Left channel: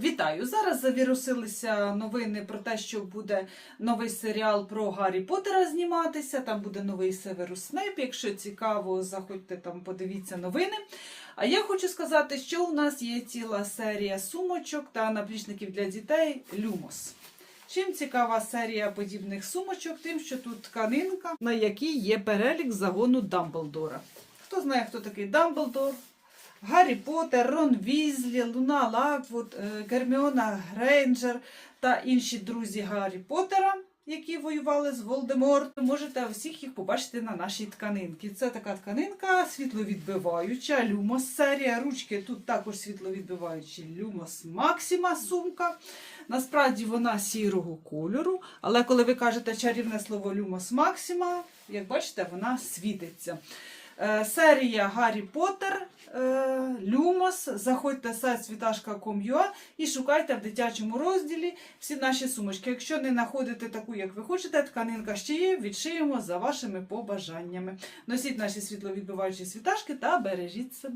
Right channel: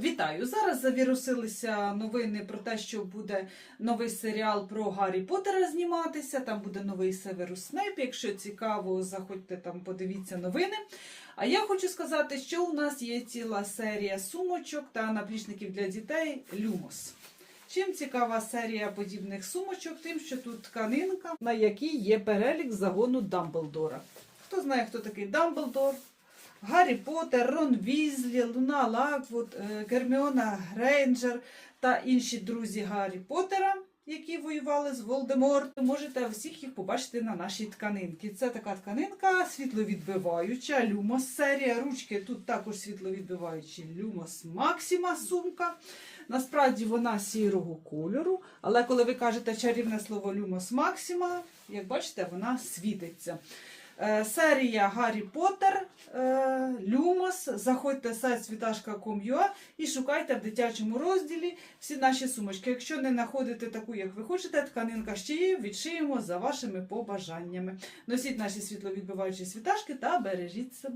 Вітаю! Зараз завірусилися новини про те, що буде новий серіал про Гаррі Поттера зніматися. Там буде новий Северус Снейп. Якщо цікаво, заходьте там, подивіться новини. А я хочу сказати, що у нас є ціла серія сумочок та наплічників для дітей Люмос. Чим цікава серія подібних сумочок? Тим, що тут тканинка, на якій є перелік загону Дамблдора. Хто знає, хто такий Дамблдор? Гаррі Поттер, Рон Візлі, Луна Лаквуд, е, Герміона Грейнджер та інші друзі Гаррі Поттера, які воювали з Волдемортом. Можете всіх їх побачити на нашій тканинці. Це така тканинка світловідбиваюча, Люмос серія. Ручки тут також світловідбиваючі Люмос Максима сумка. Насправді вона сірого кольору, але коли ви кажете чарівне слово Люмос Максима, як бачите, вона світиться. Е, Серія Гаррі Поттер, е, Люмос. Заходьте на сайт світашка.com.ua і шукайте в дитячому розділі всі наші сумочки. Якщо не знаходите таку, як ви хочете, тканинка ще є, відшиємо за вашими побажаннями. Носіть наші світловідбиваючі світашки та бережіть себе.